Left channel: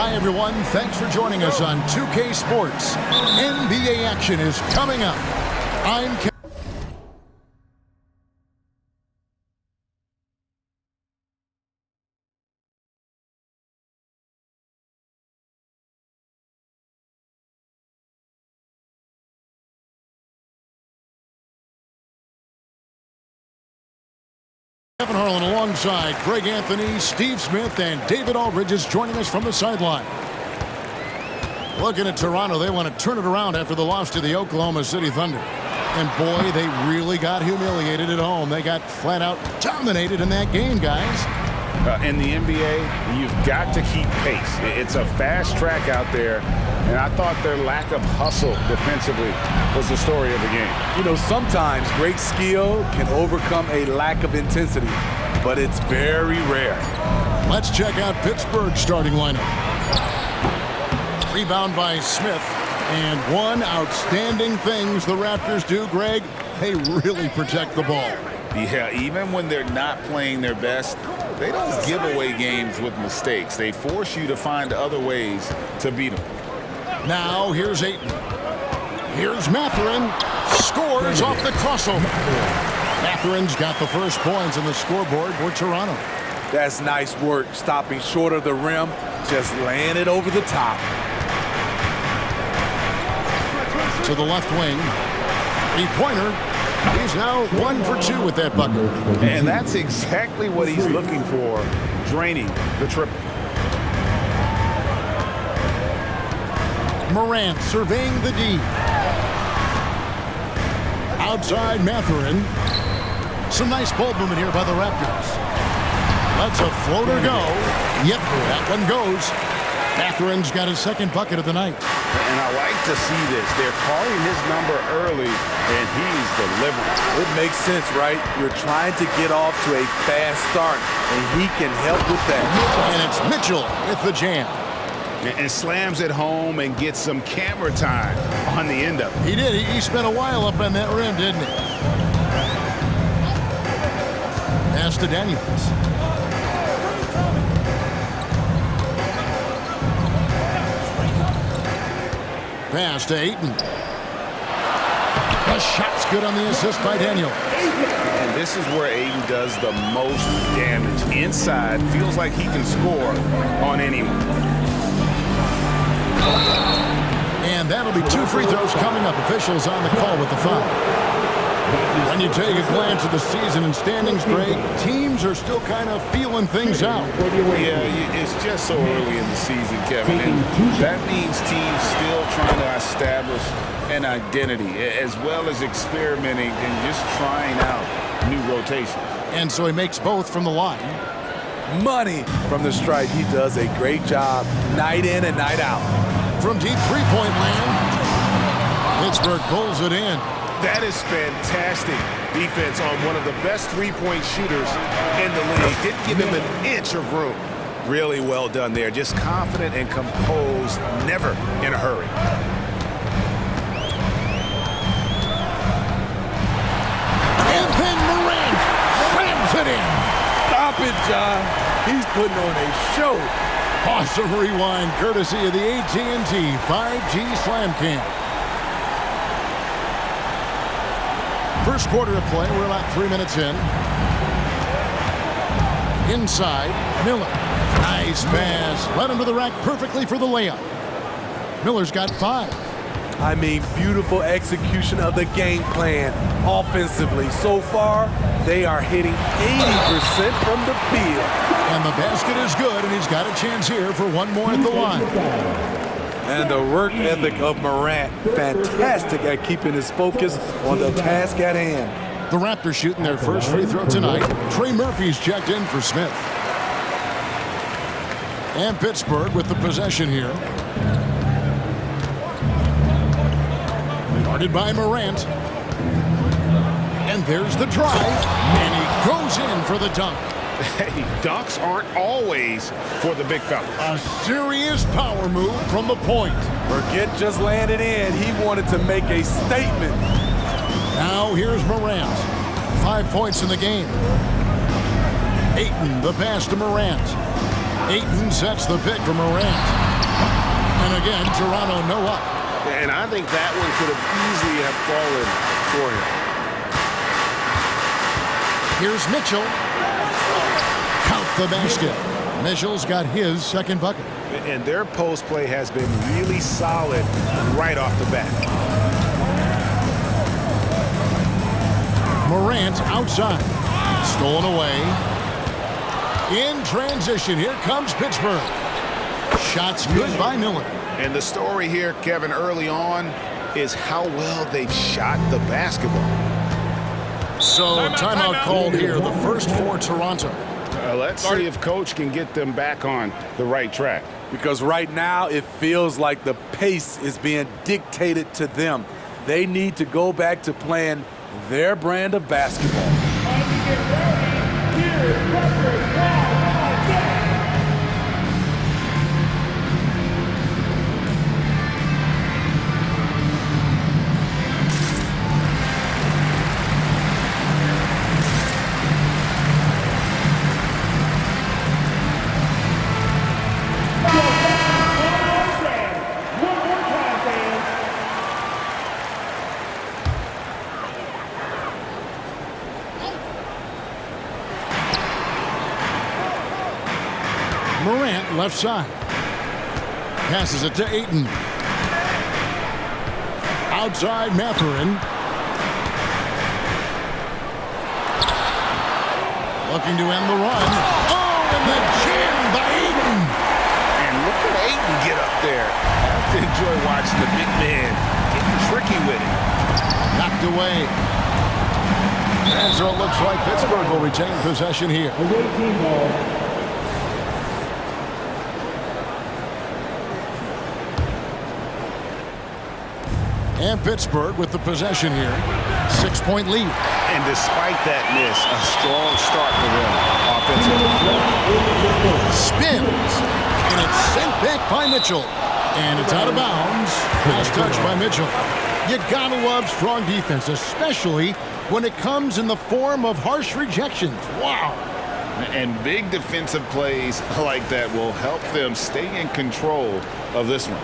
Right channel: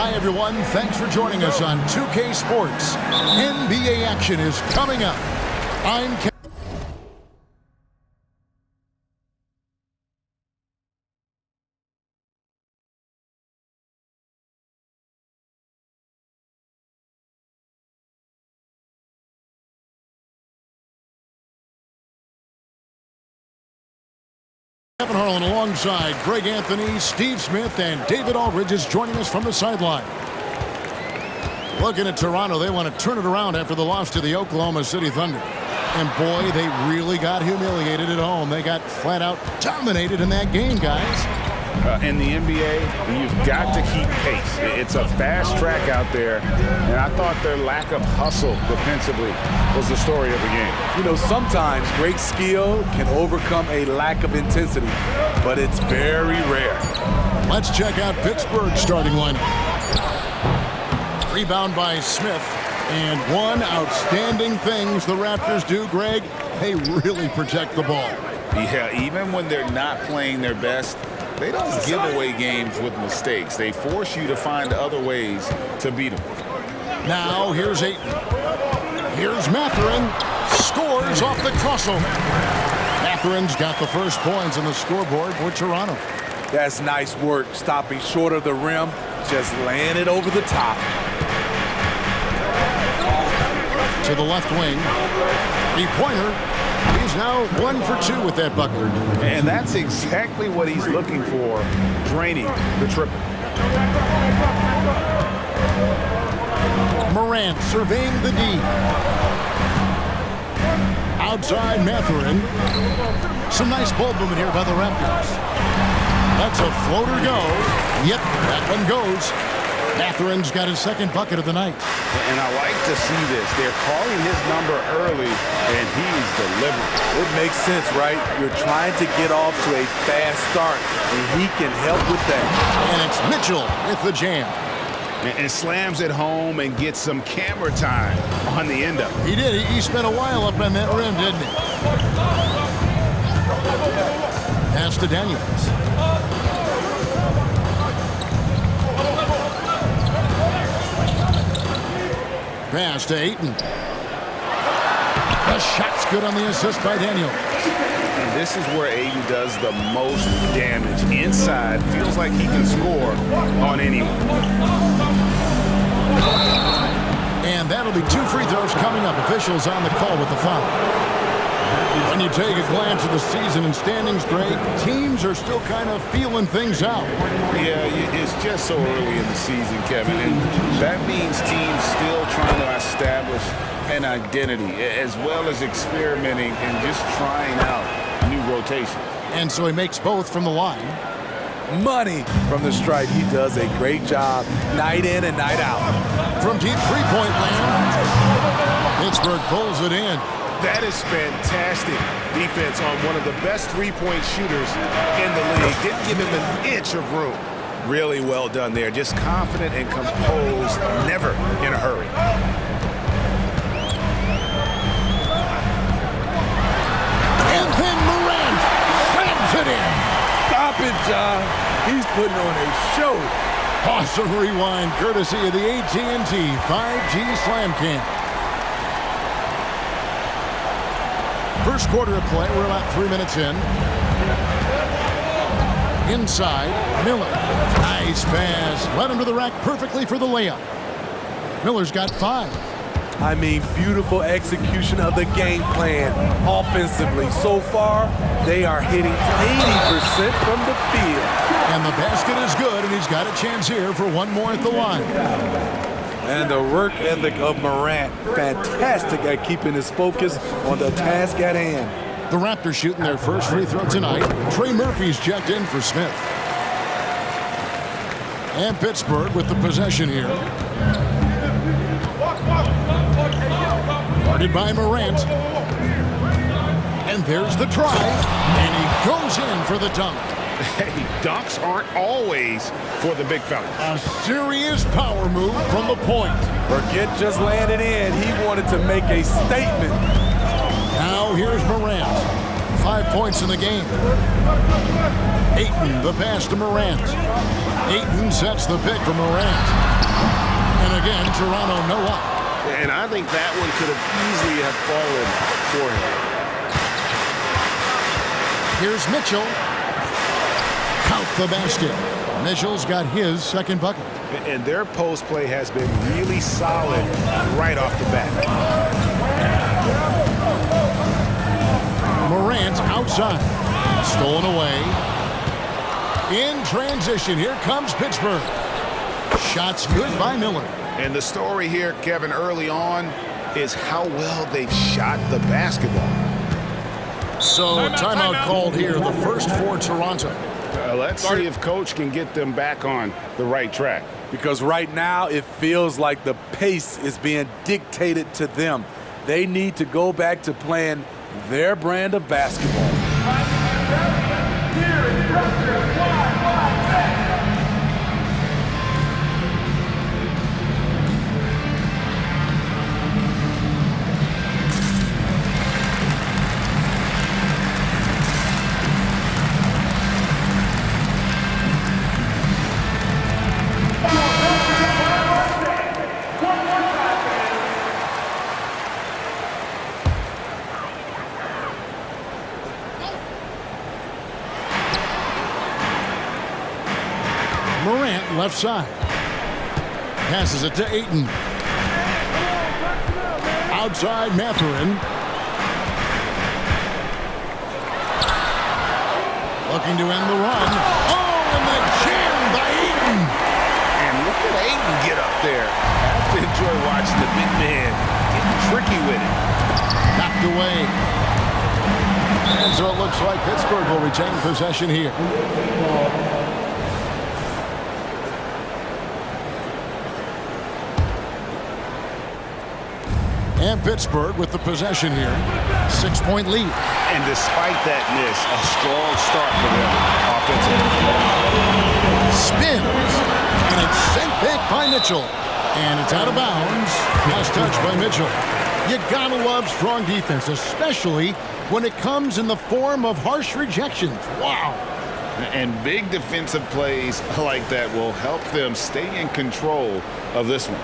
Hi, everyone. Thanks for joining us on 2K Sports. NBA action is coming up. I'm Kevin Harlan alongside Greg Anthony, Steve Smith, and David Aldridge is joining us from the sideline. Looking at Toronto, they want to turn it around after the loss to the Oklahoma City Thunder. And boy, they really got humiliated at home. They got flat out dominated in that game, guys. In the NBA, you've got to keep pace. It's a fast track out there, and I thought their lack of hustle defensively was the story of the game. You know, sometimes great skill can overcome a lack of intensity, but it's very rare. Let's check out Pittsburgh's starting lineup. Rebound by Smith. And one outstanding things the Raptors do, Greg, they really protect the ball. Yeah, even when they're not playing their best, they don't give away games with mistakes. They force you to find other ways to beat them. Now here's Edey. Here's Marthurin. Scores off the crossover. Mathurin's got the first points on the scoreboard for Toronto. That's nice work, stopping short of the rim, just laying it over the top. To the left wing. Three-pointer. He's now 1 for 2 with that bucket. And that's exactly what he's looking for, draining the triple. Morant surveying the D. Outside Marthurin. Some nice ball movement here by the Raptors. Lets a floater go. Yep, that one goes. Mathurin's got his second bucket of the night. And I like to see this. They're calling his number early, and he's delivering. It makes sense, right? You're trying to get off to a fast start, and he can help with that. And it's Mitchell with the jam. And slams it home and gets some camera time on the end of it. He did. He spent a while up on that rim, didn't he? Pass to Daniels. Pass to Edey. The shot's good on the assist by Daniel. And this is where Edey does the most damage. Inside, feels like he can score on anyone. And that'll be 2 free throws coming up. Officials on the call with the foul. When you take a glance at the season and standings, Greg, teams are still kind of feeling things out. Yeah, it's just so early in the season, Kevin, and that means teams still trying to establish an identity as well as experimenting and just trying out new rotations. And so he makes both from the line. Money from the stripe. He does a great job night in and night out. From deep three-point land, Pittsburgh pulls it in. That is fantastic defense on one of the best three-point shooters in the league. Didn't give him an inch of room. Really well done there. Just confident and composed, never in a hurry. And then Morant slams it in. Stop it, John. He's putting on a show. Awesome rewind courtesy of the AT&T 5G Slam Cam. First quarter of play, we're about 3 minutes in. Inside, Miller. Nice pass. Led him to the rack perfectly for the layup. Miller's got 5. I mean, beautiful execution of the game plan offensively. So far, they are hitting 80% from the field. And the basket is good, and he's got a chance here for one more at the line. And the work ethic of Morant, fantastic at keeping his focus on the task at hand. The Raptors shooting their first free throw tonight. Trey Murphy's checked in for Smith. And Pittsburgh with the possession here. Guarded by Morant. And there's the drive. And he goes in for the dunk. Hey, dunks aren't always for the big fella. A serious power move from the point. Forget just laying it in. He wanted to make a statement. Now here's Morant. 5 points in the game. Ayton, the pass to Morant. Ayton sets the pick for Morant. And again, Toronto no up. And I think that one could have easily have fallen for him. Here's Mitchell. Count the basket. Mitchell's got his second bucket. And their post play has been really solid right off the bat. Morant outside. Stolen away. In transition, here comes Pittsburgh. Shots good by Miller. And the story here, Kevin, early on is how well they've shot the basketball. So timeout called here, the first for Toronto. Let's see if Coach can get them back on the right track. Because right now it feels like the pace is being dictated to them. They need to go back to playing their brand of basketball. Morant left side. Passes it to Edey. Outside Marthurin. Looking to end the run. Oh, and the jam by Edey. And look at Edey get up there. Have to enjoy watching the big man getting tricky with it. Knocked away. And so it looks like Pittsburgh will retain possession here. And Pittsburgh with the possession here. 6-point lead. And despite that miss, a strong start for them offensively. Spins. And it's sent back by Mitchell. And it's out of bounds. Last touch by Mitchell. You gotta love strong defense, especially when it comes in the form of harsh rejections. Wow. And big defensive plays like that will help them stay in control of this one.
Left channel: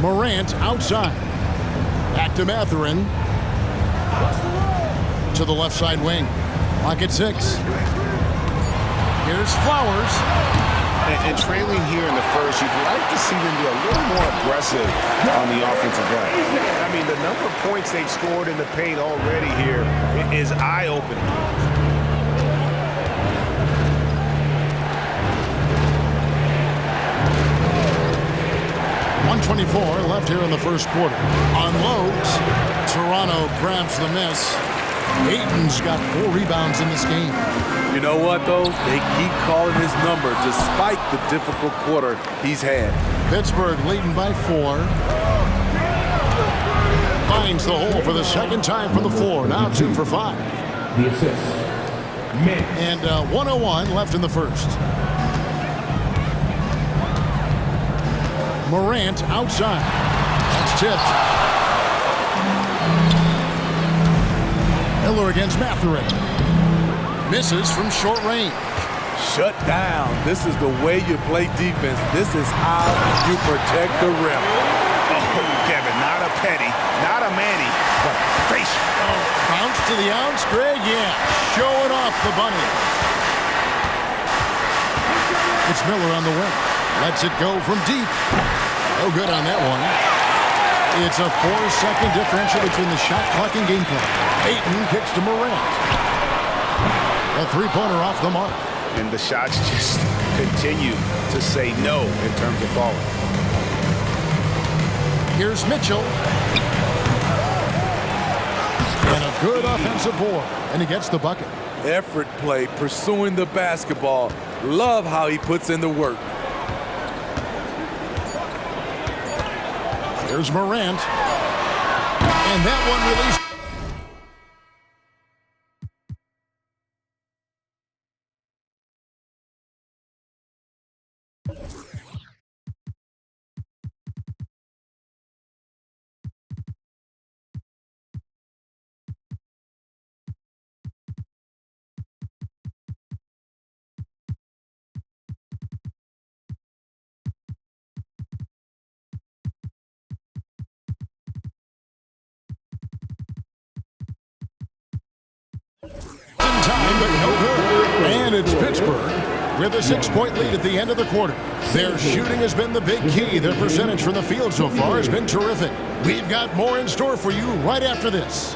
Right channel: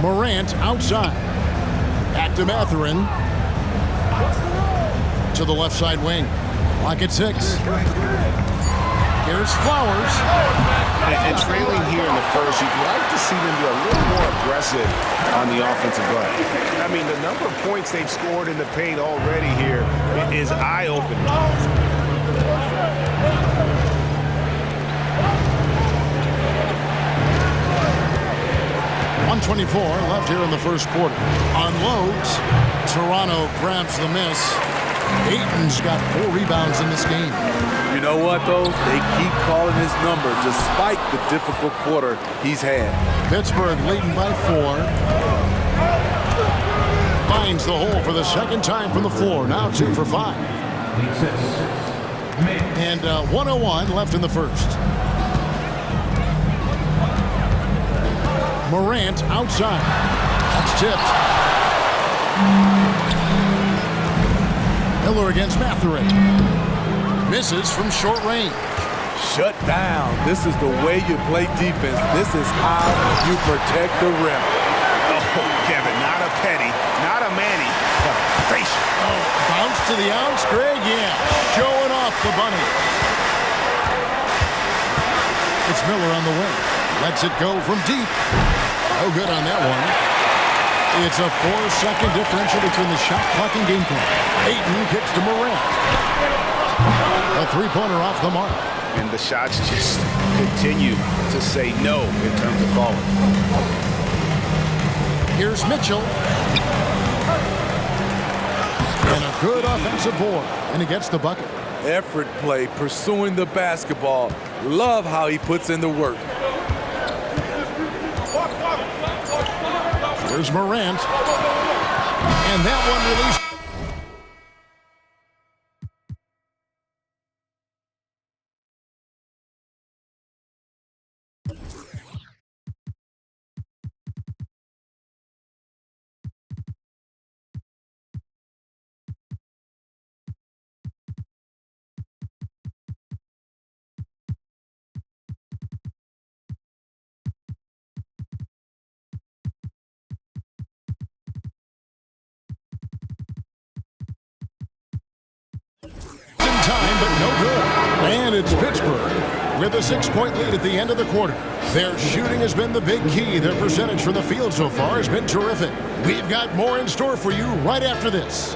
Morant outside. Back to Marthurin. To the left side wing. Clock at 6. Here's Flowers. And trailing here in the first, you'd like to see them be a little more aggressive on the offensive glass. I mean, the number of points they've scored in the paint already here is eye-opening. 1:24 left here in the first quarter. Unloads. Toronto grabs the miss. Ayton's got 4 rebounds in this game. You know what, though? They keep calling his number despite the difficult quarter he's had. Pittsburgh leading by 4. Finds the hole for the second time from the floor. Now 2 for 5. The assist. Mintz. And 1:01 left in the first. Morant outside. That's tipped. Miller against Marthurin. Misses from short range. Shut down. This is the way you play defense. This is how you protect the rim. Oh, Kevin, not a Petty, not a Manny, but a facial. Oh, bounce to the ounce, Greg? Yeah, showing off the bunny. It's Miller on the wing. Lets it go from deep. No good on that one. It's a 4-second differential between the shot clock and game clock. Ayton kicks to Morant. A 3-pointer off the mark. And the shots just continue to say no in terms of falling. Here's Mitchell. And a good offensive board. And he gets the bucket. Effort play, pursuing the basketball. Love how he puts in the work. Here's Morant. And that one released. time, but no good. And it's Pittsburgh with a 6-point lead at the end of the quarter. Their shooting has been the big key. Their percentage from the field so far has been terrific. We've got more in store for you right after this.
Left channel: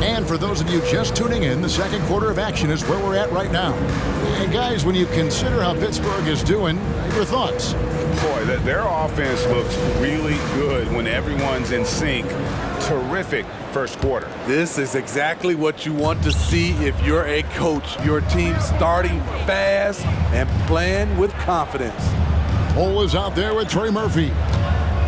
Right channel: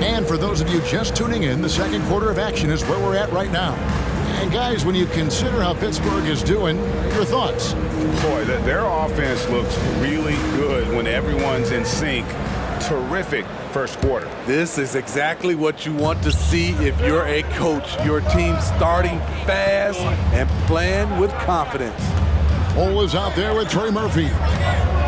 And for those of you just tuning in, the second quarter of action is where we're at right now. And guys, when you consider how Pittsburgh is doing, your thoughts? Boy, their offense looks really good when everyone's in sync. Terrific first quarter. This is exactly what you want to see if you're a coach. Your team starting fast and playing with confidence. Cole is out there with Trey Murphy.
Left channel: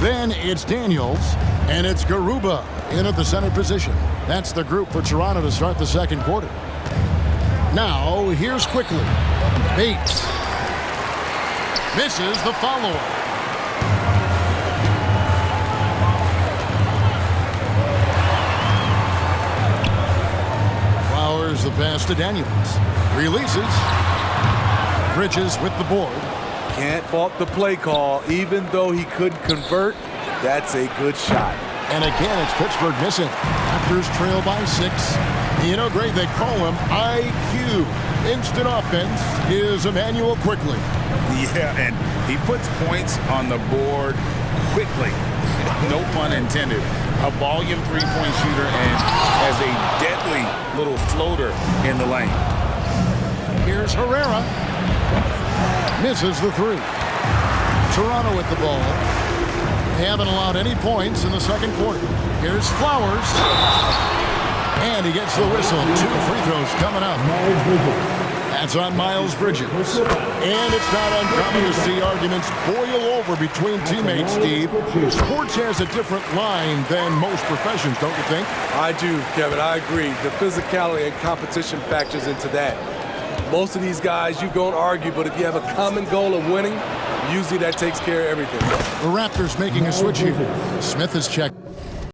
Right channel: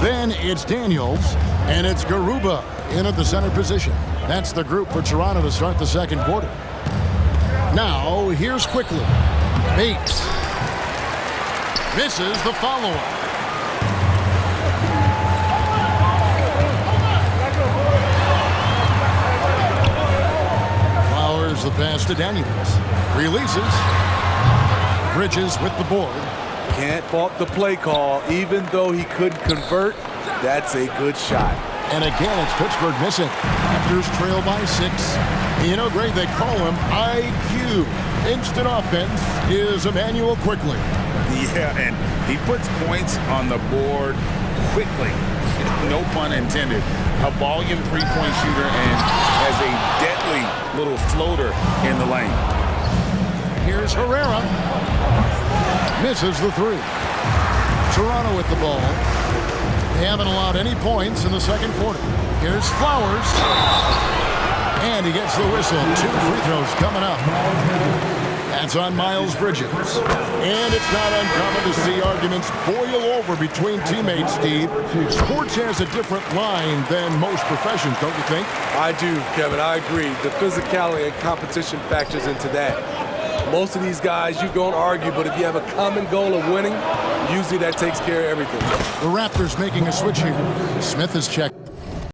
Then it's Daniels, and it's Garuba in at the center position. That's the group for Toronto to start the second quarter. Now, here's Quickly. Bates. Misses the follow-up. Flowers the pass to Daniels. Releases. Bridges with the board. Can't fault the play call. Even though he couldn't convert, that's a good shot. And again, it's Pittsburgh missing. Raptors trail by 6. You know, Greg, they call him IQ. Instant offense is Emmanuel Quickly. Yeah, and he puts points on the board quickly. No pun intended. A volume three-point shooter and has a deadly little floater in the lane. Here's Herrera. Misses the 3. Toronto with the ball. They haven't allowed any points in the second quarter. Here's Flowers. And he gets the whistle. 2 free throws coming up. That's on Miles Bridges. And it's not uncommon to see arguments boil over between teammates, Steve. Sports has a different line than most professions, don't you think? I do, Kevin. I agree. The physicality and competition factors into that. Most of these guys, you go and argue, but if you have a common goal of winning, usually that takes care of everything. The Raptors making a switch here. Smith is checked.